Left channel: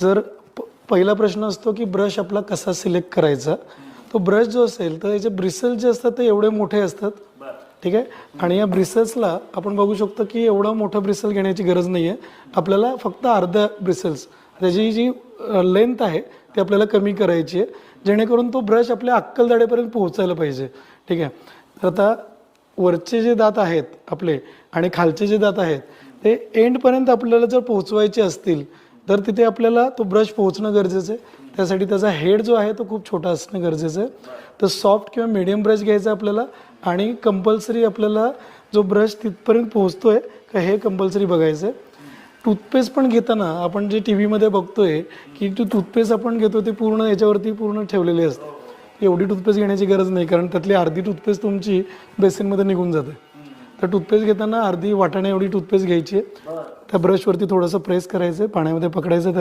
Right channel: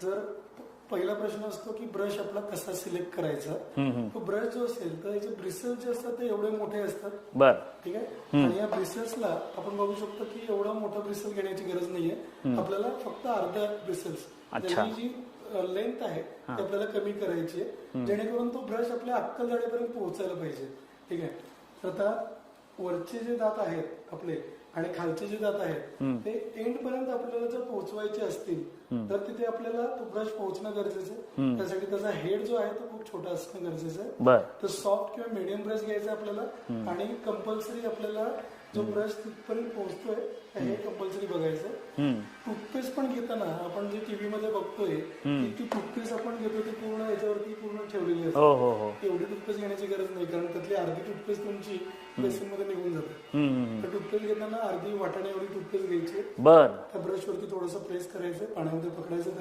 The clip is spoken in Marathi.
जर पहिला प्रश्न असतो की ब्रश आपला कसा सिलेक्ट करायचा. तो ब्रश जो असेल तर याचे ब्रिसल्स जे असतात ते एवढे मोठे असतात. ठीक आहे. आणि या ब्रिसल्सला आपण बघू शकतो की एवढा मोठा ब्रिसल घेण्याची गरज नाहीये. आपल्याला फक्त अर्धा ब्रिसल्स त्याची जी लेंथ आहे ती आपल्याला कमी करायची आहे, जेणेकरून तो ब्रश आपल्या अक्कल दाढेपर्यंत पोहोचायला पाहिजे. ठीक आहे. तर आता वरचे जे दात आहेत आपले आणि खालचे जे दात आहेत ते एंड पर्यंत आपल्याला जर पोहोचवायचे असतील तर तिथे आपल्याला तो ब्रश पोहोचणं गरजेचं आहे. त्यासाठी त्याचा हेड जो आहे तो खूप छोटा असणं गरजेचं आहे. तर सॉफ्ट किंवा मीडियम ब्रश घ्यायचा आपल्याला आणि कंपल्सरी आपल्याला जो ब्रश तिथपर्यंत पोहोचतोय का हे कंपल्सरी बघायचंय. टूथपेस्ट पण घेताना आपण जे टीव्ही मध्ये बघतोय की टूथपेस्ट आपण घेतो ते पूर्ण याच्यावरती पूर्ण ठेवलेली असते. एवढी टूथपेस्ट घेण्याची गरज नाही, कारण त्यातली अर्धी टूथपेस्ट तुमची बेसिन मध्ये निघून जाते. तर टूथपेस्ट घेताना अर्धी वाटाण्या एवढी टूथपेस्ट घ्यायची, त्या ब्रश वरती थोडंसं प्रेस करायचं, पाण्यामध्ये पकडायचं त्याला